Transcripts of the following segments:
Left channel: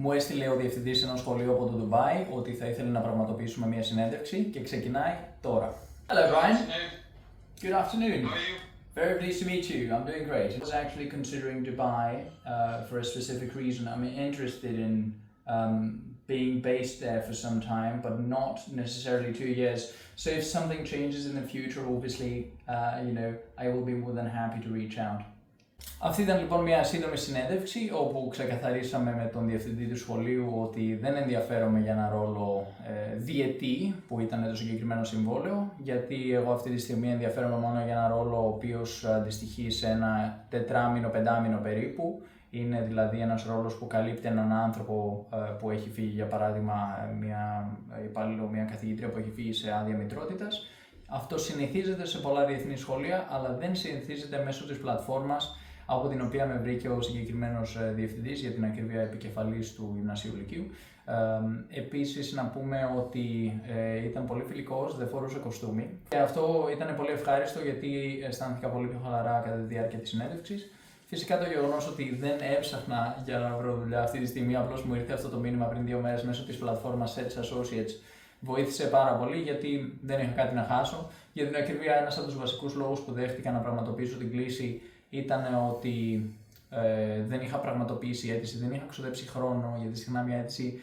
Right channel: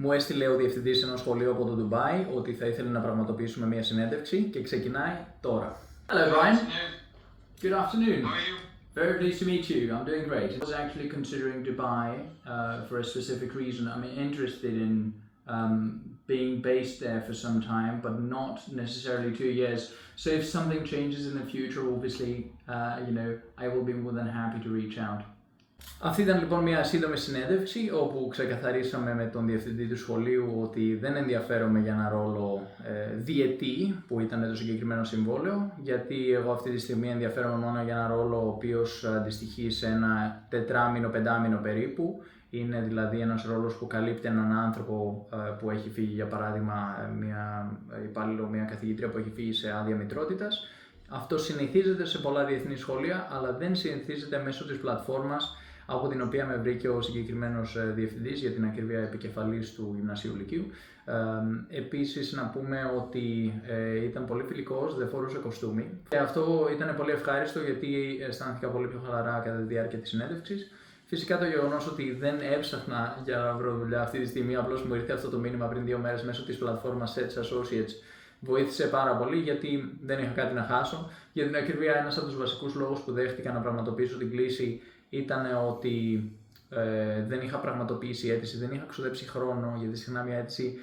Μου έστειλε ο διευθυντής ενός σχολείου από το Ντουμπάι ότι θα ήθελε να πραγματοποιήσουμε μια συνέντευξη και ξεκινάει τώρα. Hello Brian. Good afternoon. How are you? Very pleased to meet you. I'm doing great. I was actually considering Dubai for a specific reason. I'm interested in being based there for some time, but not necessarily 2 years. So if something changes in the future, obviously, I will be more than happy to reach out. Αυτή ήταν λοιπόν μια σύντομη συνέντευξη όπου ξεκαθαρίσαμε με τον διευθυντή του σχολείου ότι δεν ενδιαφέρομαι για ένα ρόλο διετή που ήταν το συγκεκριμένο συμβόλαιο, γιατί εγώ αυτή τη στιγμή ενδιαφέρομαι μόνο για ένα ρόλο ο οποίος αντιστοιχεί σε ένα 4-5 περίπου. Είναι δηλαδή ένας ρόλος που καλύπτει έναν άνθρωπο που έχει φύγει, για παράδειγμα, μια καθηγήτρια που έχει φύγει σε άδεια μητρότητας. Αυτό συνηθίζεται σε πολλά διεθνή σχολεία, αλλά δεν συνηθίζεται μέσω της πλατφόρμας από την οποία με βρήκε ο συγκεκριμένος διευθυντής, για την ακρίβεια επικεφαλής του Γυμνασίου Λυκείου. Επίσης να πούμε ότι ήταν πολύ φιλικός, δεν φορούσε κοστούμι. Και αυτό ήταν πολύ ευχάριστο γιατί αισθάνθηκα πολύ πιο χαλαρά κατά τη διάρκεια της συνέντευξης. Φυσικά το γεγονός ότι δεν έψαχνα για να βρω δουλειά αυτή τη στιγμή, απλώς μου ήρθε αυτό το μήνυμα πριν 2 μέρες μέσω της πλατφόρμας Search Associates, βοήθησε πάρα πολύ γιατί δεν είχα κάτι να χάσω. Για την ακρίβεια, ένας από τους βασικούς λόγους που δέχτηκα να πραγματοποιήσω την κλήση ήταν ότι δεν είχα πραγματοποιήσει αίτηση, δεν είχα ξοδέψει χρόνο, γιατί συχνά μια αίτηση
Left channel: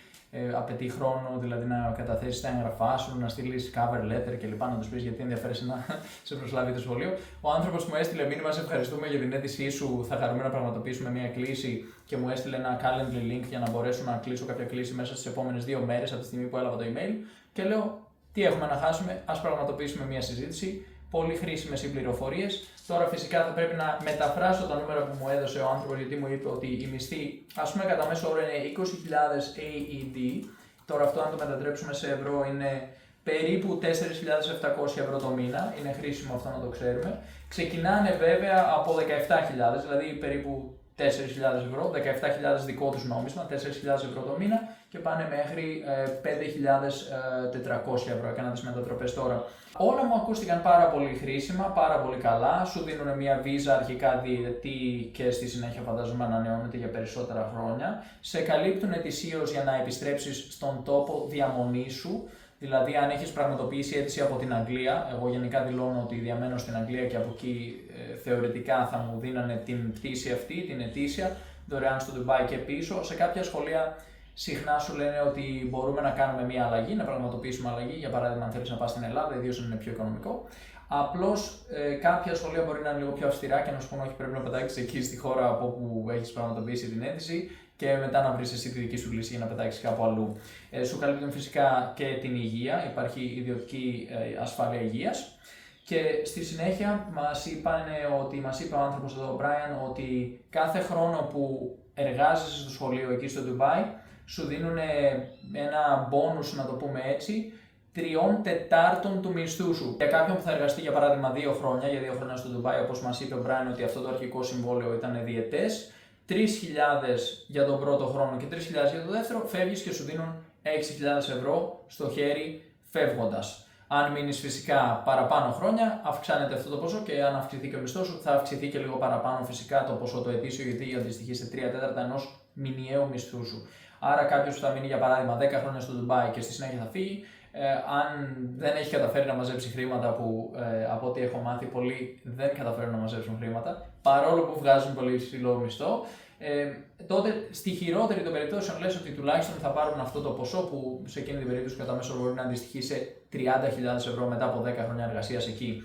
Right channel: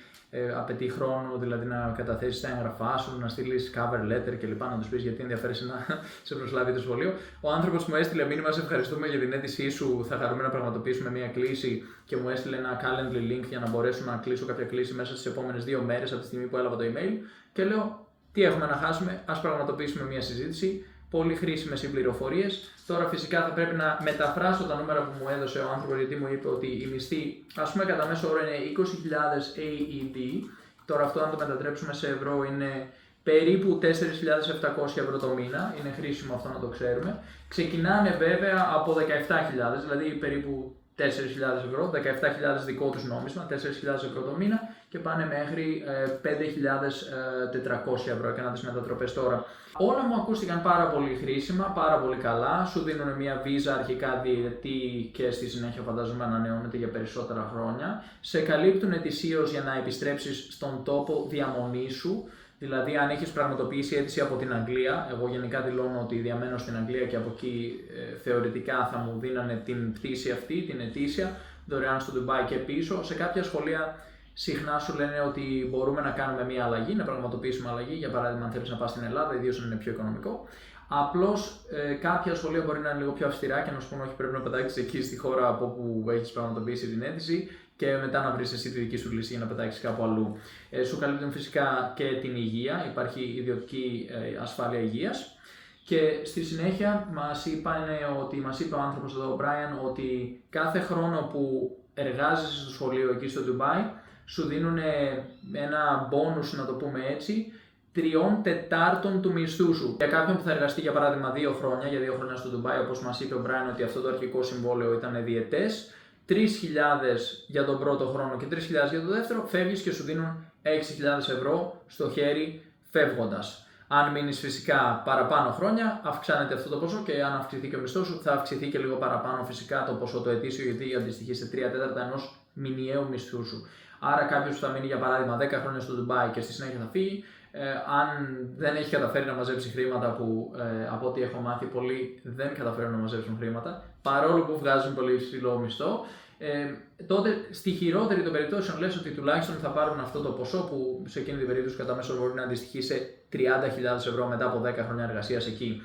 απαιτεί χρόνο, δηλαδή να καταθέσεις τα έγγραφά σου, να στείλεις cover letter κλπ. Να τους πεις γιατί ενδιαφέρεσαι να σε προσλάβει το σχολείο. Ο άνθρωπος μου έστειλε μήνυμα: σε ευχαριστούμε για την αίτησή σου. Θα χαρούμε να πραγματοποιήσουμε μια κλήση, και μου έστειλε ένα calendly link για να μπορέσω να κλείσω κάποια κλήση μέσα στις επόμενες 2 μέρες από τη στιγμή που έλαβα το email. Και λέω: τι έχουμε να χάσουμε, ας πραγματοποιήσουμε μια συζήτηση. Πολύ χρήσιμες οι πληροφορίες. Τώρα φυσικά θα πρέπει να μεταφράσω τα νούμερα που μου έδωσε ο άνθρωπος, γιατί μου είπε ότι η μισθή, ας πούμε, κατά μέσο όρο είναι 20.000 AED. Τώρα αυτό, αν το μετατρέψουμε σε ευρώ, είναι περίπου 4.700 ευρώ το μήνα. Είναι χρήσιμο αυτό να το ξέρουμε. Ξεκινάνε βέβαια από 17.000, δηλαδή περίπου 4.000 ευρώ, 17.000 δικό τους νόμισμα, 4.000 ευρώ το μήνα, και πάνε μέχρι 5.400 ευρώ. Έκανα τις μετατροπές τώρα. Όλα μου ακούστηκαν πάρα πολύ χρήσιμα, πάρα πολύ καλά. Σου δίνουν μια βίζα αρχικά διετή και στη συνέχεια φαντάζομαι ανανεώνεται για περισσότερα χρόνια. Σε καλύπτουν ετησίως για να επιστρέψεις στον τόπο διαμονής σου. Δηλαδή, αν έχεις πραγματοποιήσει αίτηση από την Αγγλία, εγώ γενικά δηλώνω ότι διαμένω στην Αγγλία και από εκεί θεωρητικά θα μου δίνανε την πτήση αυτή, την ετήσια, δωρεάν στο Ντουμπάι και πίσω. Σε κάποια σχολεία συχνά σου λένε ότι μπορούμε να κάνουμε μια αλλαγή, να πραγματοποιήσουμε αλλαγή. Για παράδειγμα, αν θέλεις να πας στην Ελλάδα, ιδίως αν είναι πιο οικονομικό. Απλώς κάποια σχολεία μπορεί να είναι λίγο πιο αυστηρά και να σου πούνε: όχι, πρέπει να πετάξεις εκεί στη χώρα από όπου έχεις πραγματοποιήσει την αίτηση, και μετά να βρεις εσύ τη δική σου λύση για να πετάξεις κάπου αλλού. Σου καλύπτουν φυσικά και την υγεία, υπάρχει ιδιωτική ασφάλεια υγείας. Και στη συνέχεια μας είπε ο άνθρωπος εδώ, ο Brian, ότι κάθε χρόνο που εργάζεσαι στο σχολείο εκεί στο Ντουμπάι, σου δίνουν ένα bonus, να το πούμε έτσι, 3/4 του μισθού σου. Για κάποιον που θα εργαστεί για παράδειγμα 2 χρόνια, για 2 χρόνια στο Ντουμπάι, όπως μας είπε ο Brian ότι αυτό το αρχικό συμβόλαιο ήταν διετές, 3.000 για τον πρώτο χρόνο και 3.000 για το δεύτερο, φεύγεις και σου δίνουν 6.000 ευρώ στο χέρι φεύγοντας. Αν μείνεις φυσικά παραπάνω χρόνια, αυξάνεται αυτό το ποσό, και αν αυξηθεί και ο μισθός σου, θα αυξηθεί και λίγο παραπάνω φυσικά το ποσό το ετήσιο, γιατί αντιστοιχεί σε 3/4 ενός μηνιαίου μισθού σου. Άρα κάποιος που θα μείνει για παράδειγμα 10 χρόνια στο Ντουμπάι και στη συνέχεια θα φύγει, αν δεν έχει καταφέρει να μαζέψει χρήματα, που από ό,τι έχω μάθει πολλοί δεν καταφέρουν να μαζέψουν χρήματα, παρόλο που βγάζουν πολύ υψηλό μισθό, τότε στη χειρότερη των περιπτώσεων λες ότι τουλάχιστον θα πάρουν αυτό το ποσό, που σε εκείνη την περίπτωση κατά μέσο μπορεί να αντιστοιχεί σε 30.000 ευρώ μετά από 10 χρόνια εργασίας εκεί.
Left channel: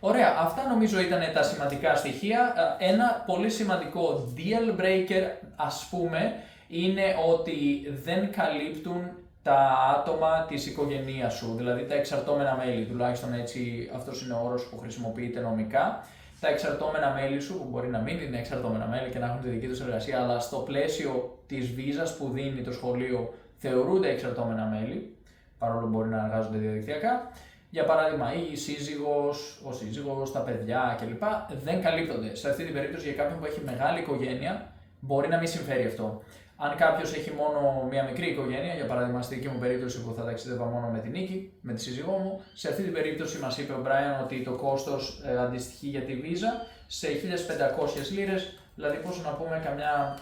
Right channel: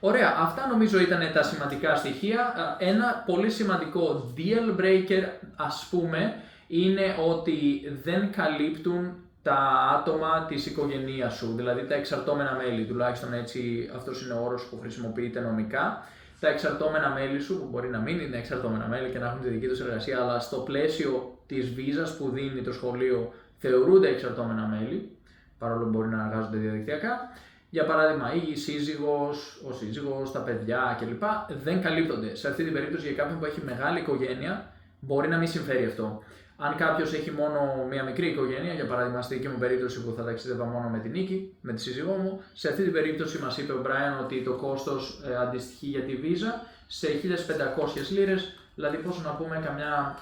Ωραία, αυτά νομίζω ήταν τα σημαντικά στοιχεία. Ένα πολύ σημαντικό deal breaker, ας πούμε, είναι ότι δεν καλύπτουν τα άτομα της οικογένειας σου, δηλαδή τα εξαρτώμενα μέλη, τουλάχιστον έτσι αυτός είναι ο όρος που χρησιμοποιείται νομικά. Τα εξαρτώμενα μέλη σου, που μπορεί να μην είναι εξαρτώμενα μέλη και να έχουν τη δική τους εργασία, αλλά στο πλαίσιο της βίζας που δίνει το σχολείο θεωρούνται εξαρτώμενα μέλη, παρόλο που μπορεί να εργάζονται διαδικτυακά. Για παράδειγμα, η σύζυγος, ο σύζυγος, τα παιδιά κλπ. Δεν καλύπτονται. Σε αυτή την περίπτωση, για κάποιον που έχει μεγάλη οικογένεια, μπορεί να μην συμφέρει αυτό. Αν κάποιος έχει μόνο μια μικρή οικογένεια, για παράδειγμα στη δική μου περίπτωση που θα ταξίδευα μόνο με την Νίκη, με τη σύζυγό μου, σε αυτή την περίπτωση μας είπε ο Brian ότι το κόστος αντιστοιχεί για τη βίζα σε 1.500 λίρες, Δηλαδή, πόσο να πούμε, καμιά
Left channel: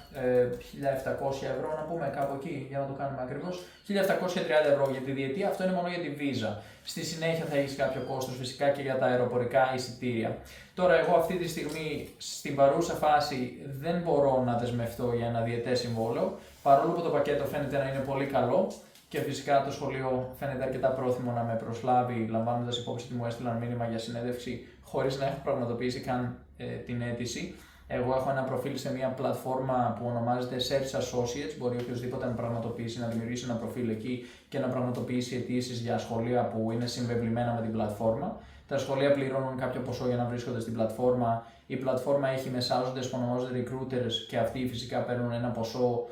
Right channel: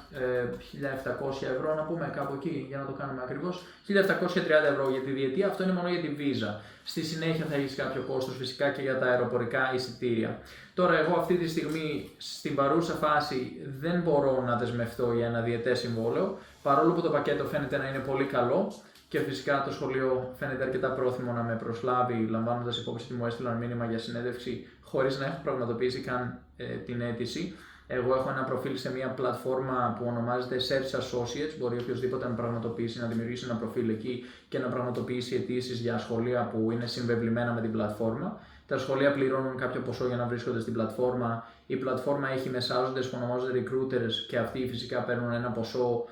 1.700 ευρώ, να πούμε κάπου εκεί, για να το κάνουμε ακριβώς. 1.730 ευρώ για τη διετία, αυτό είναι μόνο για τη βίζα. Στη συνέχεια θα έχει κάποιο κόστος φυσικά και για τα αεροπορικά εισιτήρια. Τώρα, εγώ αυτή τη στιγμή, στην παρούσα φάση, δεν μπορώ να δεσμευτώ για ένα διετές συμβόλαιο, παρόλο που το πακέτο φαίνεται να είναι πολύ καλό. Και φυσικά το σχολείο φαίνεται αρκετά πρόθυμο να με προσλάβει, λαμβάνοντας υπόψη ότι μου έστειλαν μήνυμα για συνέντευξη χωρίς να έχω πραγματοποιήσει καν την αίτηση. Εγώ έχω ένα προφίλ σε μια πλατφόρμα που ονομάζεται Search Associates. Μπορεί οποιοδήποτε να πραγματοποιήσει, να δημιουργήσει ένα προφίλ εκεί και να πραγματοποιήσει αιτήσεις για σχολεία που είναι συμβεβλημένα με την πλατφόρμα. Τα σχολεία πληρώνουν κάποιο ποσό για να βρίσκονται στην πλατφόρμα. Η πλατφόρμα έχει μεσάζοντες που ονομάζονται recruiters και αυτοί φυσικά παίρνουν ένα ποσό,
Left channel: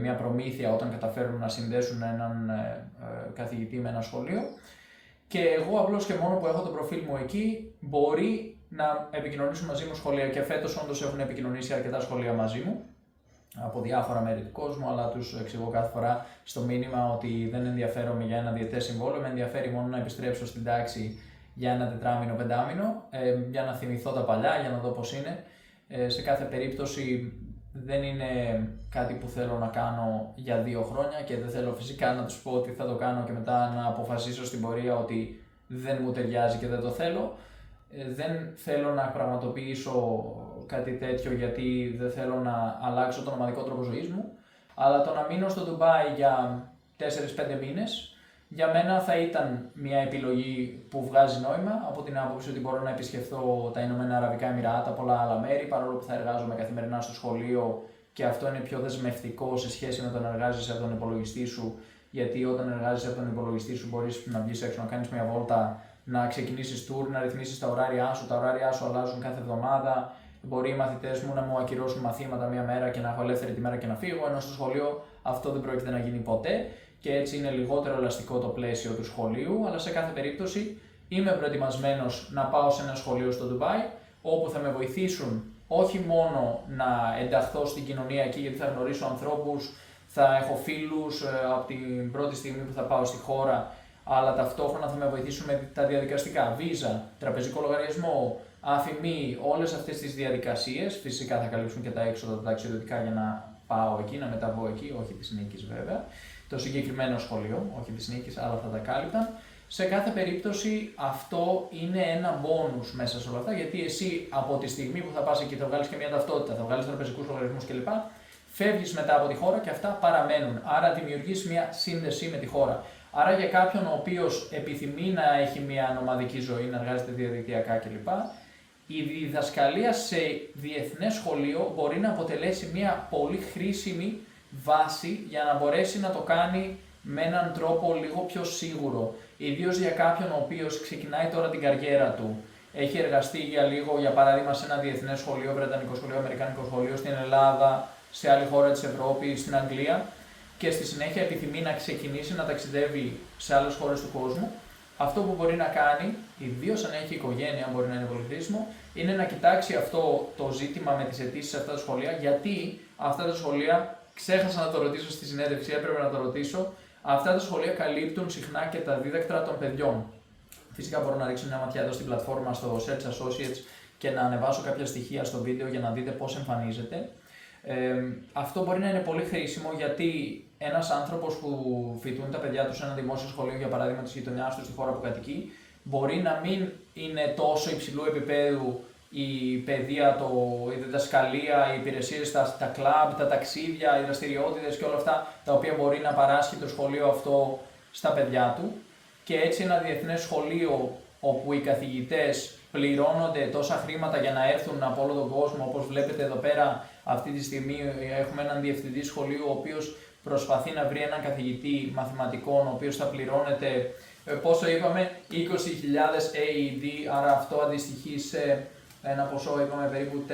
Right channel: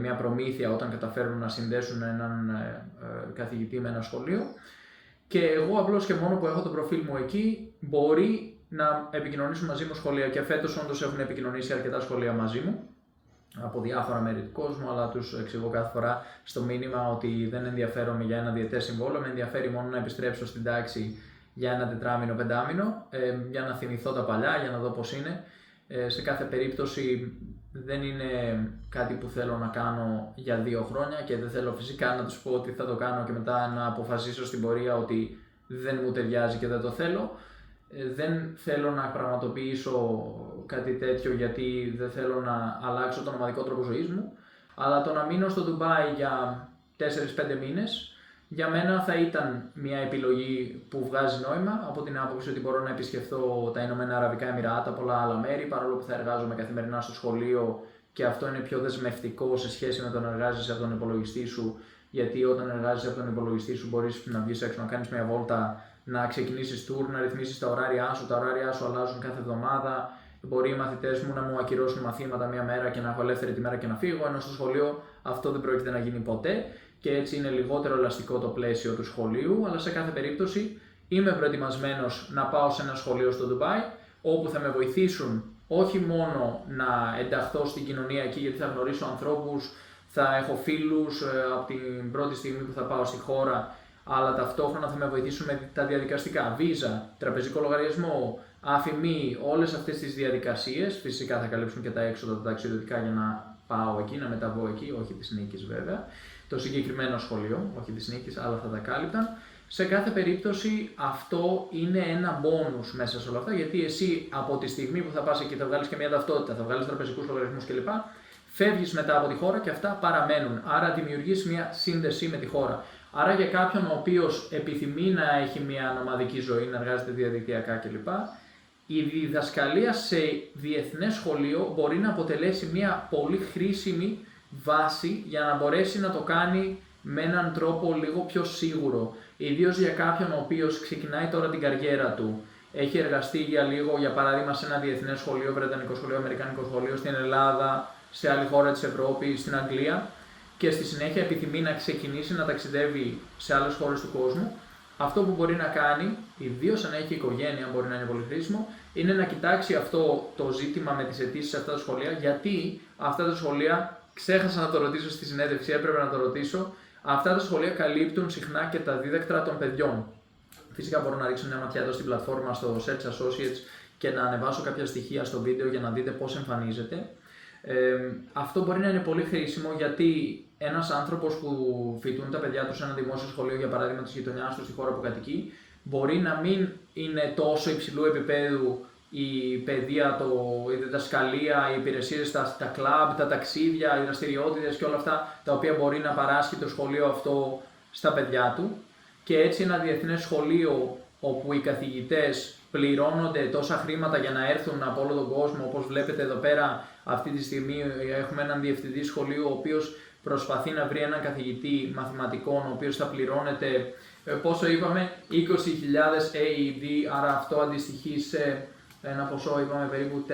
μια προμήθεια όταν καταφέρουν να συνδέσουν έναν καθηγητή με ένα σχολείο. Και εγώ απλώς και μόνο που έχω το προφίλ μου εκεί, μπορεί να επικοινωνήσουν μαζί μου σχολεία. Και φέτος όντως έχουν επικοινωνήσει αρκετά σχολεία μαζί μου από διάφορα μέρη του κόσμου, αλλά τους εξηγώ κάθε φορά στο μήνυμα ότι δεν ενδιαφέρομαι για ένα διετές συμβόλαιο, με ενδιαφέρει μόνο να επιστρέψω στην τάξη για ένα τετράμινο, πεντάμινο, για να θυμηθώ τα παλιά, για να δω πώς είναι. Σε κάθε περίπτωση δεν είναι κάτι που θέλω να κάνω για 2 χρόνια και δεν θέλω φυσικά να τους πω ότι θα το κάνω και μετά να αποφασίσω στην πορεία ότι δεν μου ταιριάζει και δεν το θέλω. Δεν θέλω να πραγματοποιήσω κάτι τέτοιο γιατί δεν θέλω να αλλάξω τον ομαδικό τρόπο ζωής μου, αλλά το να μείνω στο Ντουμπάι για 4-5 μήνες για μένα θα ήταν μια επιλογή που βγάζει νόημα, από την άποψη ότι μπορώ να επισκεφθώ τα Ηνωμένα Αραβικά Εμιράτα, πολλά άλλα μέρη, παρόλο που θα εργάζομαι καθημερινά στο σχολείο και αυτό είναι πιο δεσμευτικό σε σχέση με το να εργάζεσαι από τον υπολογιστή σου, γιατί όταν εργάζεσαι από τον υπολογιστή σου μπορείς να βγεις έξω, να κάνεις μια βόλτα, να ξεκινήσεις tour, να ρυθμίσεις τα ωράρια σου αλλάζουν κάθε εβδομάδα. Μπορεί οι μαθητές μου να μου ακυρώσουν μαθήματα μια μέρα και να έχω ελεύθερη τη μέρα και να φύγω, ενώ στο σχολείο αυτό δεν πρόκειται να γίνει ποτέ. Και έτσι είναι λιγότερο ελαστικό το πλαίσιο του σχολείου, αλλά σε κάθε περίπτωση είμαι προετοιμασμένος να πάω σε ένα σχολείο στο Ντουμπάι, όπου θα με βοηθήσουν όχι μόνο να ενταχθώ στην κοινωνία εκεί, γιατί θα γνωρίσω ανθρώπους, θα έχω φίλους από την πρώτη στιγμή που θα πάω στη χώρα, αλλά ταυτόχρονα θα με βοηθήσουν με τα διαδικαστικά, βίζα, τραπεζικό λογαριασμό, αφημί, όλες αυτές τις διαδικασίες. Φυσικά θα καλύψουν και τα έξοδα τα ταξιδιωτικά για να πάω εκεί, να μεταβώ εκεί, όχι της Νίκης βέβαια. Το συγκεκριμένο σχολείο, όχι της Νίκης, αλλά θα τα κάλυπταν. Σε κάθε περίπτωση αυτό είναι ένα bonus μέσα σε όλα αυτά, γιατί εσύ από τη στιγμή που θα πας εκεί θα βγάλεις και μια ταυτότητα, θα βγάλεις τραπεζικούς λογαριασμούς κλπ. Φεύγεις μετά από τη χώρα και αυτά παραμένουν. Άρα δημιουργείς μια σύνδεση με τη χώρα. Άρα για κάποιον ο οποίος επιθυμεί να έχει μια νομαδική ζωή, να εργάζεται διαδικτυακά κλπ. Η διδασκαλία σε διεθνές σχολείο μπορεί να αποτελέσει μια πολύ χρήσιμη βάση για να μπορέσει να το κάνει με έναν τρόπο λίγο πιο σίγουρο. Ιδίως για κάποιον ο οποίος ξεκινάει τώρα την καριέρα του, έχει εργαστεί για λίγο, για παράδειγμα, σε ένα διεθνές σχολείο, βρετανικό σχολείο, αμερικάνικο σχολείο, στην Ελλάδα, σε άλλη χώρα της Ευρώπης, στην Αγγλία και στη συνέχεια επιθυμεί να ξεκινήσει να ταξιδεύει σε άλλες χώρες του κόσμου. Αυτό που μπορεί να κάνει, ιδίως αν έχει οικογένεια, μπορεί να είναι πολύ χρήσιμο, είναι να κοιτάξει αυτό το ζήτημα με τις αιτήσεις σε αυτά τα σχολεία, γιατί αυτά τα σχολεία, ξέχασα να το ρωτήσω στη συνέντευξη, έπρεπε να το ρωτήσω, αυτά τα σχολεία καλύπτουν συχνά και τα δίδακτρα των παιδιών. Φυσικά μπορώ να ρίξω μια ματιά εδώ στην πλατφόρμα στο Search Associates και να ανεβάσω κάποια στοιχεία στο βίντεο για να δείτε πώς εμφανίζεται. Αυτό μπορεί να είναι πολύ χρήσιμο γιατί ένας άνθρωπος που φοιτούν τα παιδιά του σε ένα δημόσιο σχολείο, για παράδειγμα της γειτονιάς του στη χώρα που κατοικεί, μπορεί να μην είναι τόσο υψηλού επίπεδου η παιδεία, η διδασκαλία, οι υπηρεσίες, τα κλαμπ, τα ταξίδια, οι δραστηριότητες και όλα αυτά τα οποία μπορεί να παράσχει το σχολείο αυτό στα παιδιά του. Και έτσι ένα διεθνές σχολείο όπου οι καθηγητές πληρώνονται τόσα χρήματα για να έρθουν από όλο τον κόσμο, όπως βλέπετε εδώ πέρα αυτή τη στιγμή έχουμε έναν διευθυντή σχολείου ο οποίος προσπαθεί να βρει έναν καθηγητή μαθηματικών ο οποίος θα πληρώνεται, πόσο είπαμε, 20.000 AED, άρα αυτό αντιστοιχεί σε ένα ποσό, είπαμε, περίπου 4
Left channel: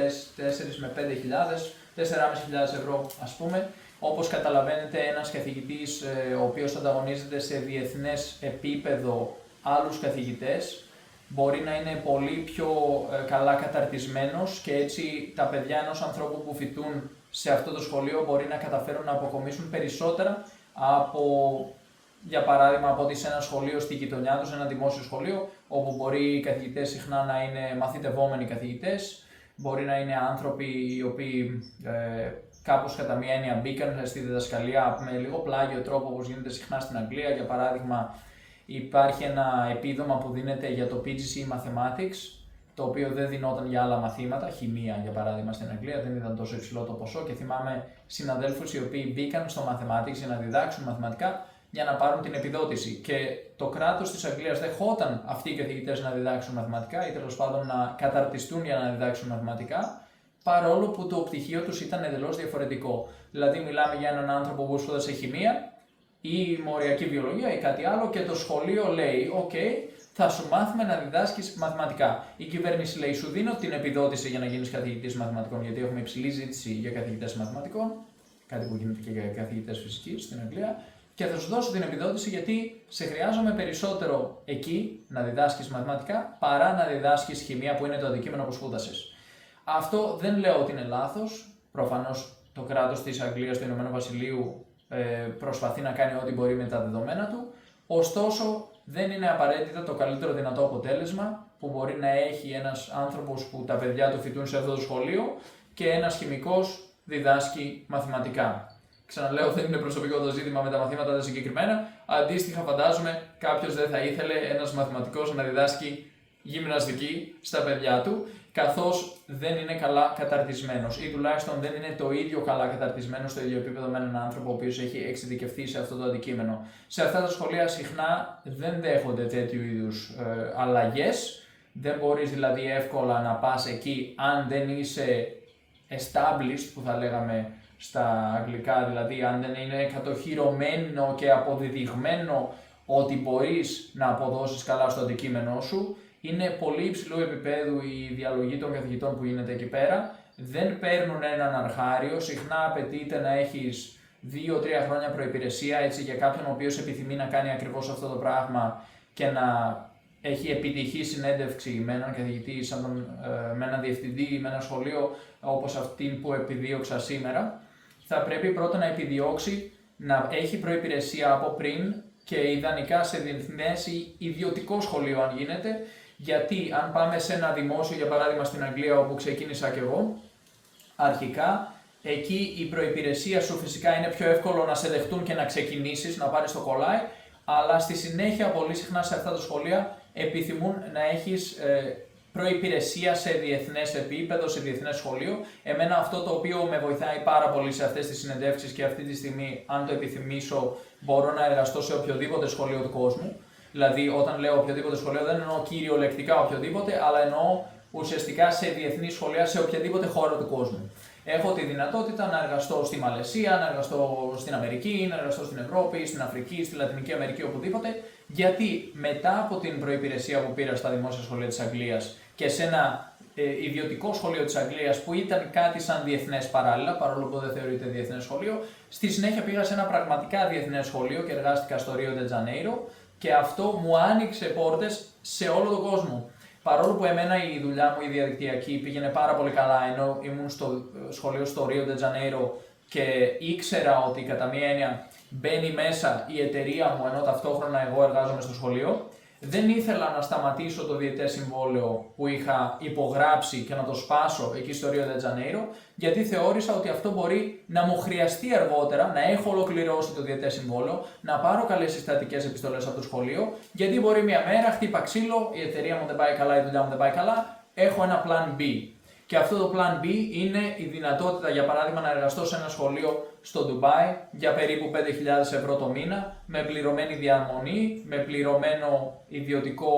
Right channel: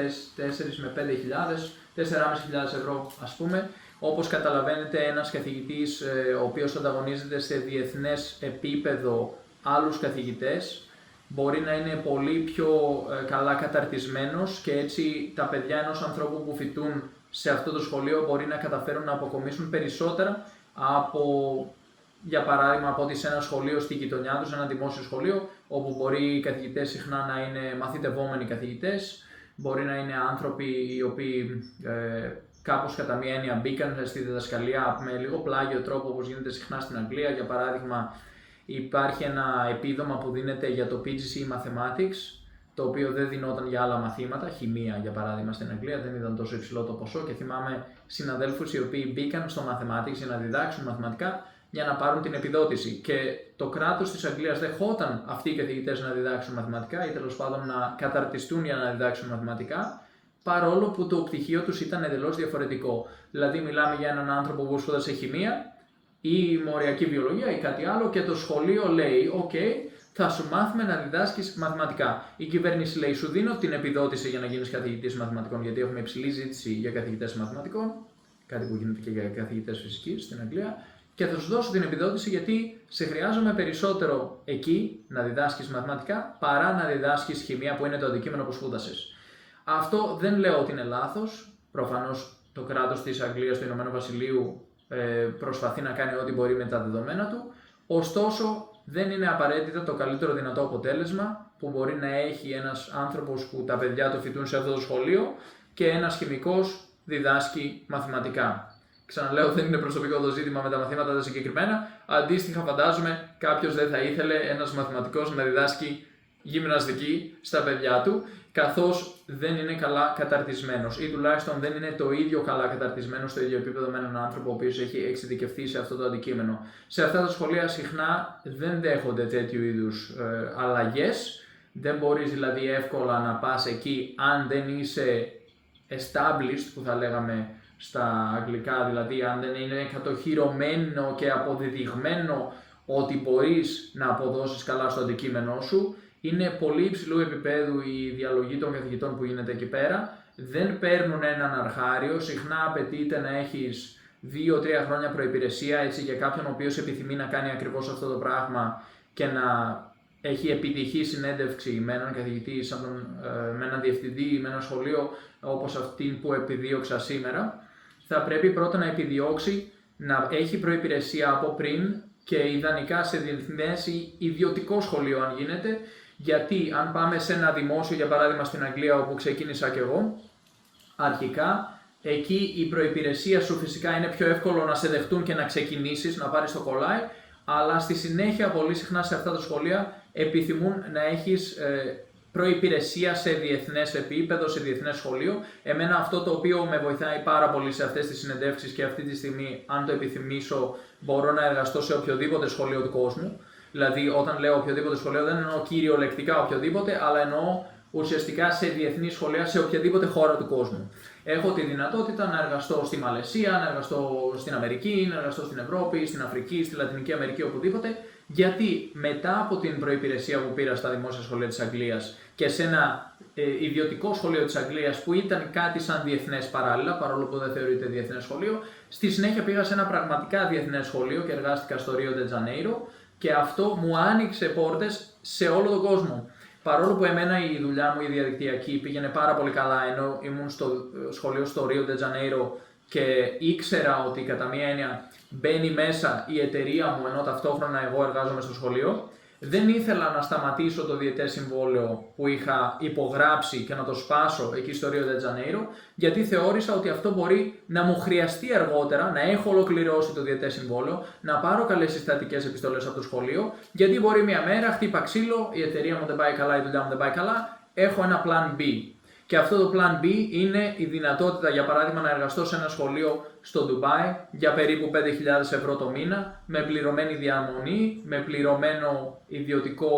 με 5.000, 4.500 ευρώ ας πούμε. Όπως καταλαβαίνετε, ένας καθηγητής ο οποίος ανταγωνίζεται σε διεθνές επίπεδο άλλους καθηγητές μπορεί να είναι πολύ πιο καλά καταρτισμένος και έτσι τα παιδιά ενός ανθρώπου που φοιτούν σε αυτό το σχολείο μπορεί να καταφέρουν να αποκομίσουν περισσότερα από, για παράδειγμα, από ότι σε ένα σχολείο στη γειτονιά τους, ένα δημόσιο σχολείο, όπου μπορεί οι καθηγητές συχνά να είναι μαθητευόμενοι καθηγητές, μπορεί να είναι άνθρωποι οι οποίοι κάπως κατά μία έννοια μπήκαν στη διδασκαλία με λίγο πλάγιο τρόπο, όπως γίνεται συχνά στην Αγγλία. Για παράδειγμα, υπάρχει ένα επίδομα που δίνεται για το PGCE Mathematics, το οποίο δεν δινόταν για άλλα μαθήματα, χημεία για παράδειγμα στην Αγγλία, δεν ήταν τόσο υψηλό το ποσό και θυμάμαι συναδέλφους οι οποίοι μπήκαν στο Mathematics για να διδάξουν μαθηματικά για να πάρουν την επιδότηση. Και το κράτος της Αγγλίας δεχόταν αυτοί οι καθηγητές να διδάξουν μαθηματικά ή τέλος πάντων να καταρτιστούν για να διδάξουν μαθηματικά, παρόλο που το πτυχίο τους ήταν εντελώς διαφορετικό. Δηλαδή, μιλάμε για έναν άνθρωπο που σπούδασε χημεία ή μοριακή βιολογία ή κάτι άλλο και το σχολείο λέει: OK, θα σου μάθουμε να διδάσκεις μαθηματικά. Η κυβέρνηση λέει: σου δίνω την επιδότηση για να γίνεις καθηγητής μαθηματικών, γιατί έχουμε υψηλή ζήτηση για καθηγητές μαθηματικών, κάτι που γίνεται και για καθηγητές φυσικής στην Αγγλία, και θα σου δώσω την επιδότηση γιατί σε χρειάζομαι περισσότερο εκεί να διδάσκεις μαθηματικά παρά να διδάσκεις χημεία που είναι το αντικείμενο που σπούδασες. Αυτό δεν λέω ότι είναι λάθος. Προφανώς το κράτος της Αγγλίας, του Ηνωμένου Βασιλείου, προσπαθεί να κάνει ό,τι μπορεί με τα δεδομένα του. Ωστόσο, δεν είναι απαραίτητα το καλύτερο δυνατό αποτέλεσμα που μπορεί να έχει ένας άνθρωπος που τα παιδιά του φοιτούν σε αυτό το σχολείο και ένας χημικός διδάσκει μαθηματικά. Ξαναλέω, δεν είναι προσωπικό το ζήτημα με τα μαθήματα τα συγκεκριμένα. Αντίστοιχα, φαντάζομαι κάποιος δεν θα ήθελε ένας μαθηματικός να διδάσκει γυμναστική στα παιδιά του, καθώς δεν είναι καλά καταρτισμένος ή τουλάχιστον δεν είναι το ίδιο καλά καταρτισμένος στο ίδιο επίπεδο με έναν άνθρωπο ο οποίος έχει εξειδικευτεί σε αυτό το αντικείμενο. Σε αυτά τα σχολεία συχνά δεν δέχονται τέτοιου είδους αλλαγές. Δεν μπορείς δηλαδή εύκολα να πας εκεί αν δεν είσαι established, που θα λέγαμε στα αγγλικά, δηλαδή αν δεν είναι κατοχυρωμένο και αποδεδειγμένο ότι μπορείς να αποδώσεις καλά στο αντικείμενό σου. Είναι πολύ υψηλού επίπεδου η διαλογή των καθηγητών που γίνεται εκεί πέρα. Δεν παίρνουν έναν αρχάριο. Συχνά απαιτείται να έχεις 2-3 χρόνια προϋπηρεσία, έτσι, για κάποιον ο οποίος επιθυμεί να κάνει ακριβώς αυτό το πράγμα και να έχει επιτυχή συνέντευξη με έναν καθηγητή, με έναν διευθυντή ή με ένα σχολείο όπως αυτήν που επιδίωξα σήμερα. Θα πρέπει πρώτα να επιδιώξει να έχει προϋπηρεσία από πριν και ιδανικά σε διεθνές ή ιδιωτικό σχολείο αν γίνεται. Γιατί αν πάμε σε ένα δημόσιο, για παράδειγμα στην Αγγλία όπου ξεκίνησα κι εγώ, αρχικά εκεί η προϋπηρεσία σου φυσικά είναι πιο εύκολο να σε δεχτούν και να ξεκινήσεις, να πάρεις το κολλάι, αλλά στη συνέχεια πολύ συχνά σε αυτά τα σχολεία επιθυμούν να έχεις προϋπηρεσία σε διεθνές επίπεδο, σε διεθνές σχολείο. Εμένα αυτό το οποίο με βοηθάει πάρα πολύ σε αυτές τις συνεντεύξεις και αυτή τη στιγμή, αν το επιθυμήσω, μπορώ να εργαστώ σε οποιοδήποτε σχολείο του κόσμου. Δηλαδή, όταν λέω οποιοδήποτε σχολείο, δεν εννοώ κυριολεκτικά οποιοδήποτε, αλλά εννοώ ουσιαστικά σε διεθνή σχολεία σε οποιαδήποτε χώρα του κόσμου. Έχω τη δυνατότητα να εργαστώ στη Μαλαισία, να εργαστώ στην Αμερική, να εργαστώ στην Ευρώπη, στην Αφρική, στη Λατινική Αμερική, οπουδήποτε. Γιατί μετά από την προϋπηρεσία που πήρα στα δημόσια σχολεία της Αγγλίας και σε ένα ιδιωτικό σχολείο της Αγγλίας που ήταν κάτι σαν διεθνές παράλληλα, παρόλο που δεν θεωρείται διεθνές σχολείο, στη συνέχεια πήγα σε ένα πραγματικά διεθνές σχολείο και εργάστηκα στο Ρίο ντε Τζανέιρο. Και αυτό μου άνοιξε πόρτες σε όλο τον κόσμο. Παρόλο που εμένα η δουλειά μου η διαδικτυακή πήγαινε πάρα πολύ καλά, ενώ ήμουν στο σχολείο στο Ρίο ντε Τζανέιρο και ήξερα ότι κατά μία έννοια μπαίνει μέσα η εταιρεία μου ενώ ταυτόχρονα εγώ εργάζομαι στο σχολείο, δεν ήθελα να σταματήσω το διετές συμβόλαιο που είχα υπογράψει και να το σπάσω εκεί στο Ρίο ντε Τζανέιρο, γιατί θεώρησα ότι αυτό μπορεί να μου χρειαστεί αργότερα, να έχω ολοκληρώσει το διετές συμβόλαιο, να πάρω καλές συστατικές επιστολές από το σχολείο, γιατί μπορεί μια μέρα χτύπα ξύλο, η εταιρεία μου δεν πάει καλά, η δουλειά μου δεν πάει καλά, έχω ένα plan B. Και αυτό το plan B είναι η δυνατότητα, για παράδειγμα, να εργαστώ σε ένα σχολείο στο Ντουμπάι για περίπου 5.000 ευρώ το μήνα, με πληρωμένη διαμονή, με πληρωμένο ιδιωτικό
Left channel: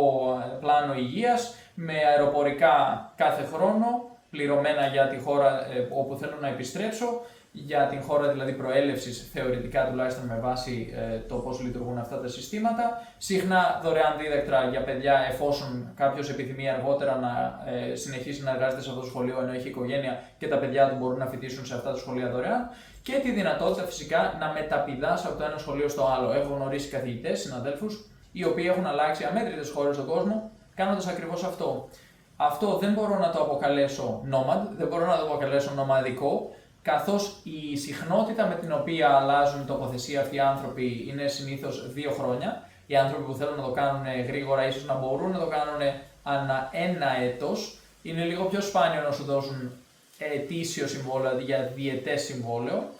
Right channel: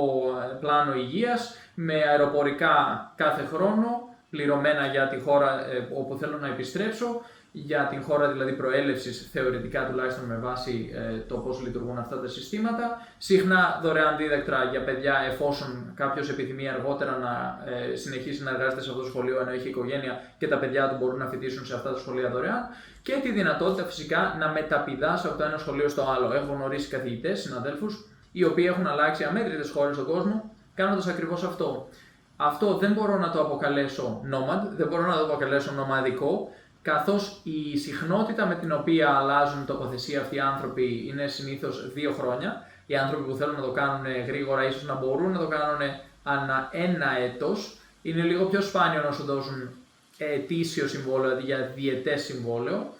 πλάνο υγείας, με αεροπορικά κάθε χρόνο, πληρωμένα για τη χώρα όπου θέλω να επιστρέψω, για την χώρα δηλαδή προέλευσης, θεωρητικά τουλάχιστον με βάση το πώς λειτουργούν αυτά τα συστήματα. Συχνά δωρεάν δίδακτρα για παιδιά, εφόσον κάποιος επιθυμεί αργότερα να συνεχίσει να εργάζεται σε αυτό το σχολείο ενώ έχει οικογένεια και τα παιδιά του μπορούν να φοιτήσουν σε αυτά τα σχολεία δωρεάν. Και τη δυνατότητα φυσικά να μεταπηδάς από το ένα σχολείο στο άλλο. Έχω γνωρίσει καθηγητές, συναδέλφους, οι οποίοι έχουν αλλάξει αμέτρητες χώρες στον κόσμο κάνοντας ακριβώς αυτό. Αυτό δεν μπορώ να το αποκαλέσω nomad, δεν μπορώ να το αποκαλέσω νομαδικό, καθώς η συχνότητα με την οποία αλλάζουν τοποθεσία αυτοί οι άνθρωποι είναι συνήθως 2 χρόνια. Οι άνθρωποι που θέλουν να το κάνουν γρήγορα ίσως να μπορούν να το κάνουν ανά 1 έτος. Είναι λίγο πιο σπάνιο να σου δώσουν ετήσιο συμβόλαιο αντί για διετές συμβόλαιο.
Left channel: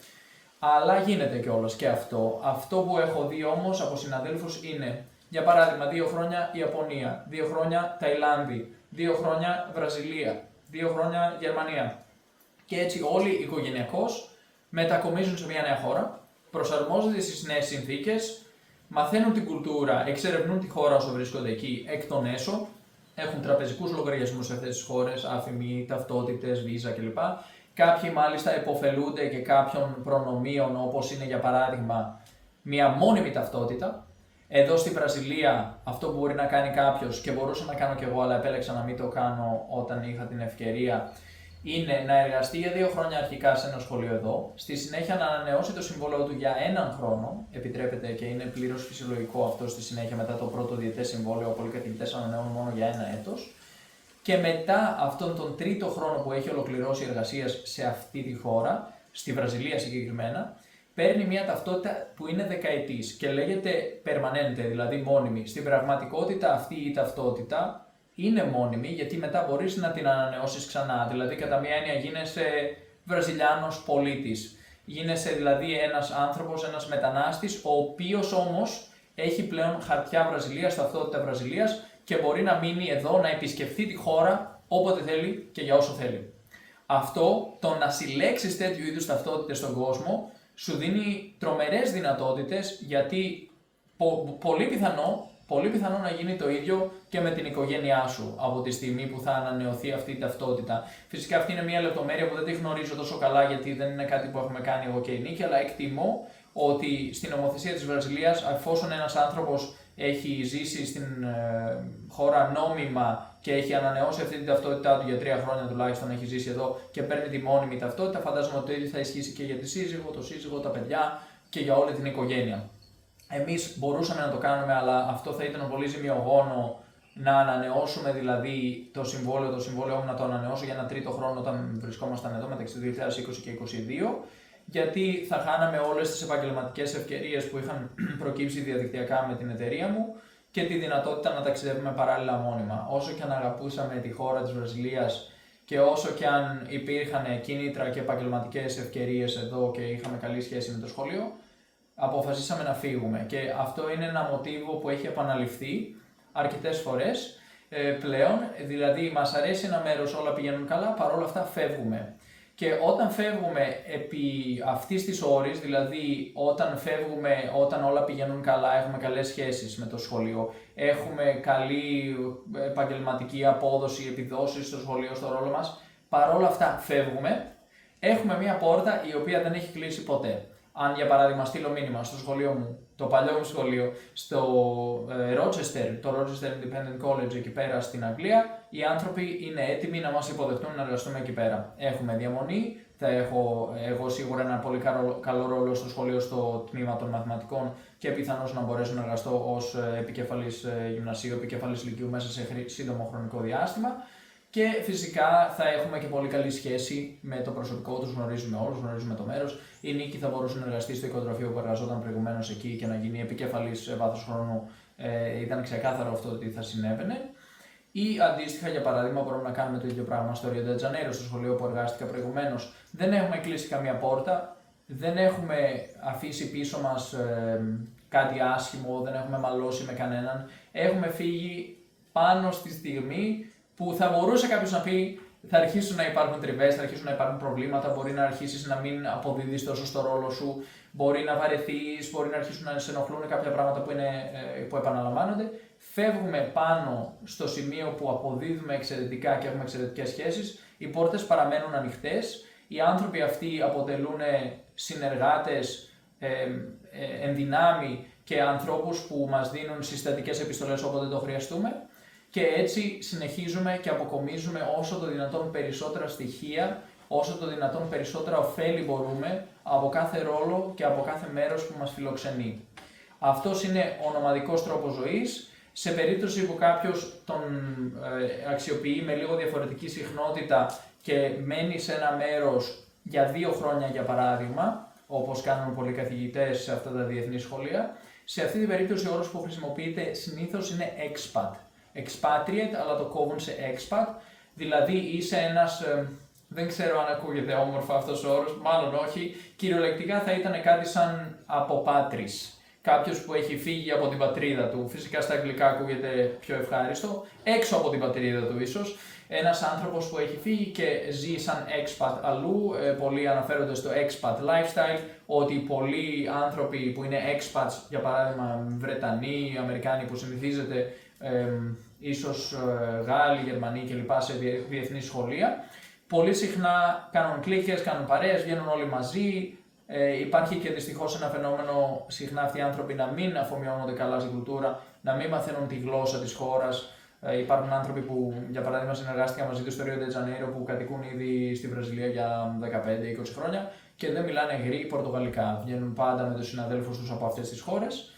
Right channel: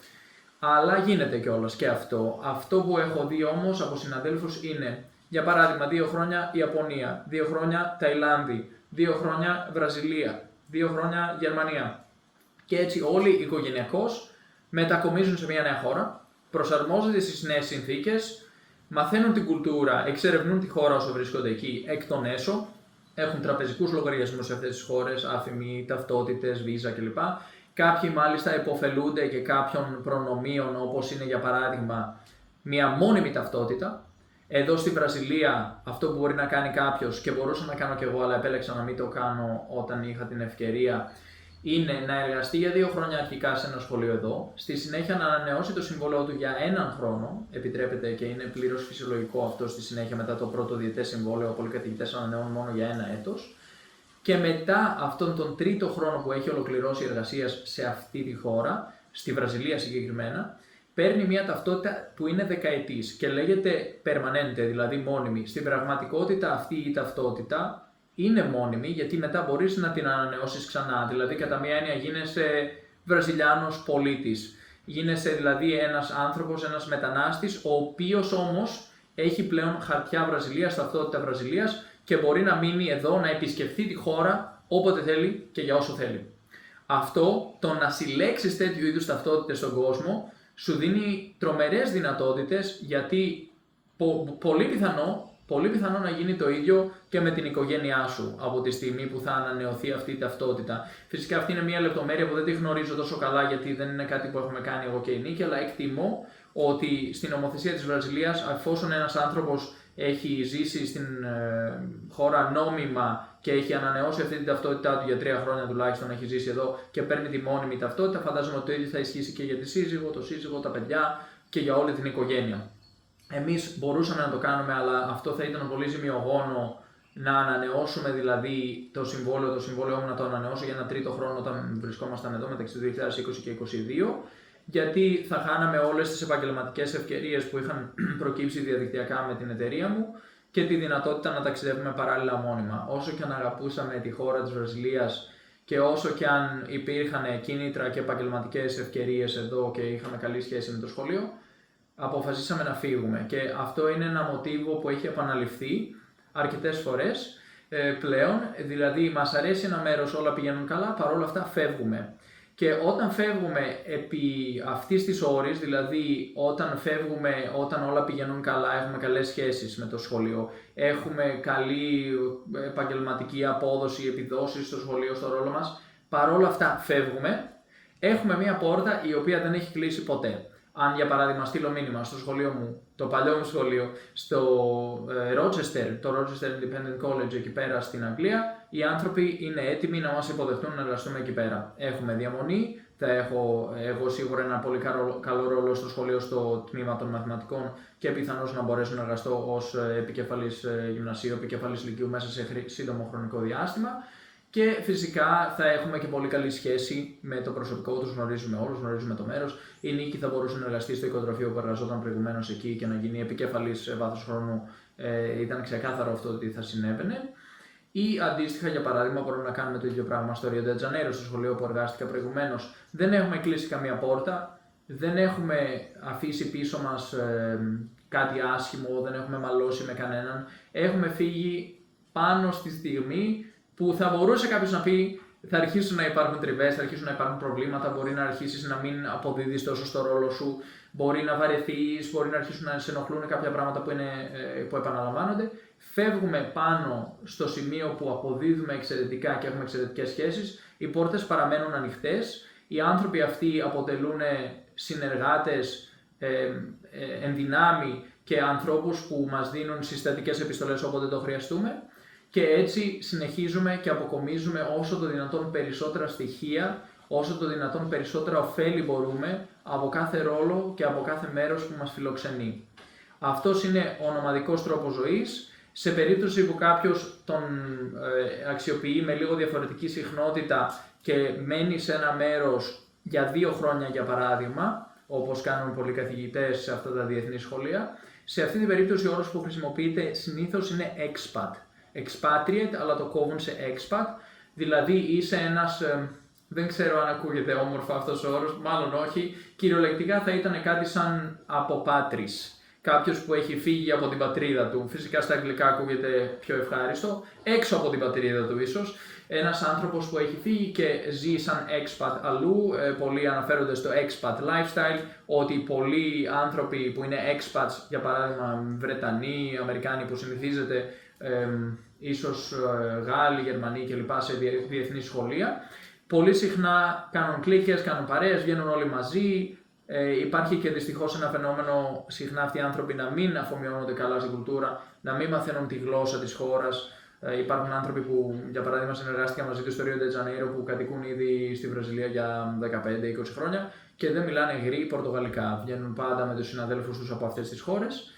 Αλλά γίνεται κιόλας και αυτό. Αυτό που έχω δει όμως από συναδέλφους είναι, για παράδειγμα, 2 χρόνια Ιαπωνία, 2 χρόνια Ταϊλάνδη, 2 χρόνια Βραζιλία, 2 χρόνια Γερμανία. Και έτσι όλοι οικογενειακώς μετακομίζουν σε μια νέα χώρα, προσαρμόζονται στις νέες συνθήκες, μαθαίνουν την κουλτούρα, εξερευνούν τη χώρα όσο βρίσκονται εκεί εκ των έσω, έχουν τραπεζικούς λογαριασμούς σε αυτές τις χώρες, άφημοι, ταυτότητες, βίζα κλπ. Κάποιοι μάλιστα υποφελούνται και κάποιων προνομίων, όπως είναι για παράδειγμα μια μόνιμη ταυτότητα. Εδώ στη Βραζιλία αυτό που μπορεί να κάνει κάποιος, και μπορούσα να κάνω κι εγώ αλλά επέλεξα να μην το κάνω όταν είχα την ευκαιρία, είναι να εργαστεί για 2 χρόνια αρχικά σε ένα σχολείο εδώ, στη συνέχεια να ανανεώσει το συμβόλαιο του για 1 χρόνο, επιτρέπεται και είναι πλήρως φυσιολογικό αυτό στη συνέχεια μετά το πρώτο διετές συμβόλαιο, πολλοί καθηγητές ανανεώνουν μόνο για 1 έτος. Και μετά αυτόν τον τρίτο χρόνο που έχει ολοκληρώσει εργασίας σε αυτή τη χώρα, στη Βραζιλία συγκεκριμένα, παίρνει μια ταυτότητα που είναι δεκαετής και λέγεται permanente, δηλαδή μόνιμη. Στην πραγματικότητα αυτή η ταυτότητα είναι μόνιμη γιατί μετά μπορείς να την ανανεώσεις ξανά. Δηλαδή κατά μία έννοια γίνεσαι Βραζιλιάνος πολίτης. Γίνεσαι δηλαδή ένας άνθρωπος, ένας μετανάστης, ο οποίος όμως έχει πλέον χαρτιά Βραζιλίας, ταυτότητα Βραζιλίας και μπορεί να μείνει εδώ, να επισκεφθεί τη χώρα όποτε θέλει και για όσο θέλει. Αυτό, το να συλλέξεις τέτοιου είδους ταυτότητες στον κόσμο, σου δίνει τρομερές δυνατότητες γιατί πολύ πιθανό να γίνει το ίδιο και με την οικογένειά σου από τη στιγμή που θα ανανεωθεί αυτή η ταυτότητα. Φυσικά αυτή είναι μια λεπτομέρεια που δεν τη γνωρίζω τόσο καλά γιατί δεν είναι κάτι που έχουμε κάνει εγώ και η Νίκη, αλλά εκτιμώ ότι στην νομοθεσία της Βραζιλίας, εφόσον ένας άνθρωπος έχει ζήσει στην χώρα νόμιμα και έχει ανανεώσει αυτή την ταυτότητά του για 3 χρόνια τουλάχιστον, έχει ζήσει εδώ και παίρνει τη μόνιμη ταυτότητα, φαντάζομαι ότι το ίδιο θα ισχύσει και για τη σύζυγο, το σύζυγο, τα παιδιά και για όλη την οικογένεια. Εμείς μπορούσαμε να το κάνουμε, αλλά αυτό θα ήταν πολύ ζημιογόνο να ανανεώσουμε δηλαδή το συμβόλαιό μου να το ανανεώσω για 1 τρίτο χρόνο όταν βρισκόμασταν εδώ μεταξύ του 2020 και 2022, γιατί θα χάναμε όλες τις επαγγελματικές ευκαιρίες που είχαν προκύψει διαδικτυακά με την εταιρεία μου και τη δυνατότητα να ταξιδεύουμε παράλληλα μόνιμα. Όσο και αν αγαπούσαμε τη χώρα της Βραζιλίας και όσο και αν υπήρχαν κίνητρα και επαγγελματικές ευκαιρίες εδώ και είχαμε καλή σχέση με το σχολείο, αποφασίσαμε να φύγουμε. Και αυτό είναι ένα μοτίβο που έχει επαναληφθεί αρκετές φορές πλέον, δηλαδή μας αρέσει ένα μέρος, όλα πηγαίνουν καλά, παρόλα αυτά φεύγουμε. Και όταν φεύγουμε επί αυτής της ώρης, δηλαδή όταν όλα πηγαίνουν καλά, έχουμε καλές σχέσεις με το σχολείο, έχουμε καλή επαγγελματική απόδοση, επιδόσεις στο σχολείο, στο ρόλο μας, παρόλα αυτά φεύγουμε, έχουμε μια πόρτα η οποία δεν έχει κλείσει ποτέ. Αν για παράδειγμα στείλω μήνυμα στο σχολείο μου, το παλιό μου σχολείο, στο Rochester, το Rochester Independent College εκεί πέρα στην Αγγλία, οι άνθρωποι είναι έτοιμοι να μας υποδεχτούν να εργαστούμε εκεί πέρα. Έχουμε διαμονή, θα έχω εγώ σίγουρα ένα πολύ καλό ρόλο στο σχολείο στο τμήμα των μαθηματικών και πιθανώς να μπορέσω να εργαστώ ως επικεφαλής γυμνασίου, επικεφαλής λυκείου μέσα σε σύντομο χρονικό διάστημα. Και φυσικά θα έχουμε και πολύ καλή σχέση με το προσωπικό, τους γνωρίζουμε όλους, γνωρίζουμε το μέρος. Η Νίκη θα μπορούσε να εργαστεί στο οικοτροφείο που εργαζόταν προηγουμένως εκεί και να γίνει επικεφαλής σε βάθος χρόνου. Ήταν ξεκάθαρο αυτό ότι θα συνέβαινε. Ή αντίστοιχα, για παράδειγμα, μπορούμε να κάνουμε το ίδιο πράγμα στο Rio de Janeiro, στο σχολείο που εργάστηκα προηγουμένως. Δεν έχουμε κλείσει καμία πόρτα, δεν έχουμε αφήσει πίσω μας κάτι άσχημο, δεν έχουμε μαλώσει με κανέναν. Έχουμε φύγει πάνω στη στιγμή που θα μπορούσε κάποιος να πει θα αρχίσουν να υπάρχουν τριβές, θα αρχίσουν να υπάρχουν προβλήματα, μπορεί να αρχίσεις να μην αποδίδεις τόσο στο ρόλο σου, μπορεί να βαρεθείς, μπορεί να αρχίσουν να σε ενοχλούν κάποια πράγματα που επαναλαμβάνονται. Φεύγουμε πάνω στο σημείο που αποδίδουμε εξαιρετικά και έχουμε εξαιρετικές σχέσεις, οι πόρτες παραμένουν ανοιχτές, οι άνθρωποι αυτοί αποτελούν συνεργάτες ενδυνάμει και ανθρώπους που μας δίνουν συστατικές επιστολές όποτε το χρειαστούμε. Και έτσι συνεχίζουμε και αποκομίζουμε όσο το δυνατόν περισσότερα στοιχεία, όσο το δυνατόν περισσότερα ωφέλη μπορούμε από κάθε ρόλο και από κάθε μέρος που μας φιλοξενεί. Αυτός είναι ο νομαδικός τρόπος ζωής. Σε περίπτωση που κάποιος τον αξιοποιεί με λίγο διαφορετική συχνότητα και μένει σε ένα μέρος για 2 χρόνια για παράδειγμα, όπως κάνουν πολλοί καθηγητές σε αυτά τα διεθνή σχολεία, σε αυτή την περίπτωση ο όρος που χρησιμοποιείται συνήθως είναι expat. Expatriate, αλλά το κόβουν σε expat, Δηλαδή είσαι ένας, δεν ξέρω αν ακούγεται όμορφα αυτός ο όρος, μάλλον όχι, κυριολεκτικά θα ήταν κάτι σαν αποπάτρις. Κάποιος που έχει φύγει από την πατρίδα του, φυσικά στα αγγλικά ακούγεται πιο ευχάριστο, έξω από την πατρίδα του ίσως. Ένας άνθρωπος που έχει φύγει και ζει σαν expat αλλού, πολλοί αναφέρονται στο expat lifestyle, ότι πολλοί άνθρωποι που είναι expats, για παράδειγμα Βρετανοί, Αμερικάνοι που συνηθίζεται, ίσως Γάλλοι, Γερμανοί κλπ. Σε διεθνή σχολεία, πολύ συχνά κάνουν κλίκες, κάνουν παρέες, βγαίνουν όλοι μαζί. Υπάρχει και δυστυχώς ένα φαινόμενο, συχνά αυτοί οι άνθρωποι να μην αφομοιώνονται καλά στην κουλτούρα, να μην μαθαίνουν τη γλώσσα της χώρας. Υπάρχουν άνθρωποι που, για παράδειγμα, συνεργάστηκαν μαζί του στο Rio de Janeiro που κατοικούν ήδη στη Βραζιλία για 15-20 χρόνια και δεν μιλάνε γρή πορτογαλικά. Βγαίνουν πάντα με τους συναδέλφους τους από αυτές τις χώρες.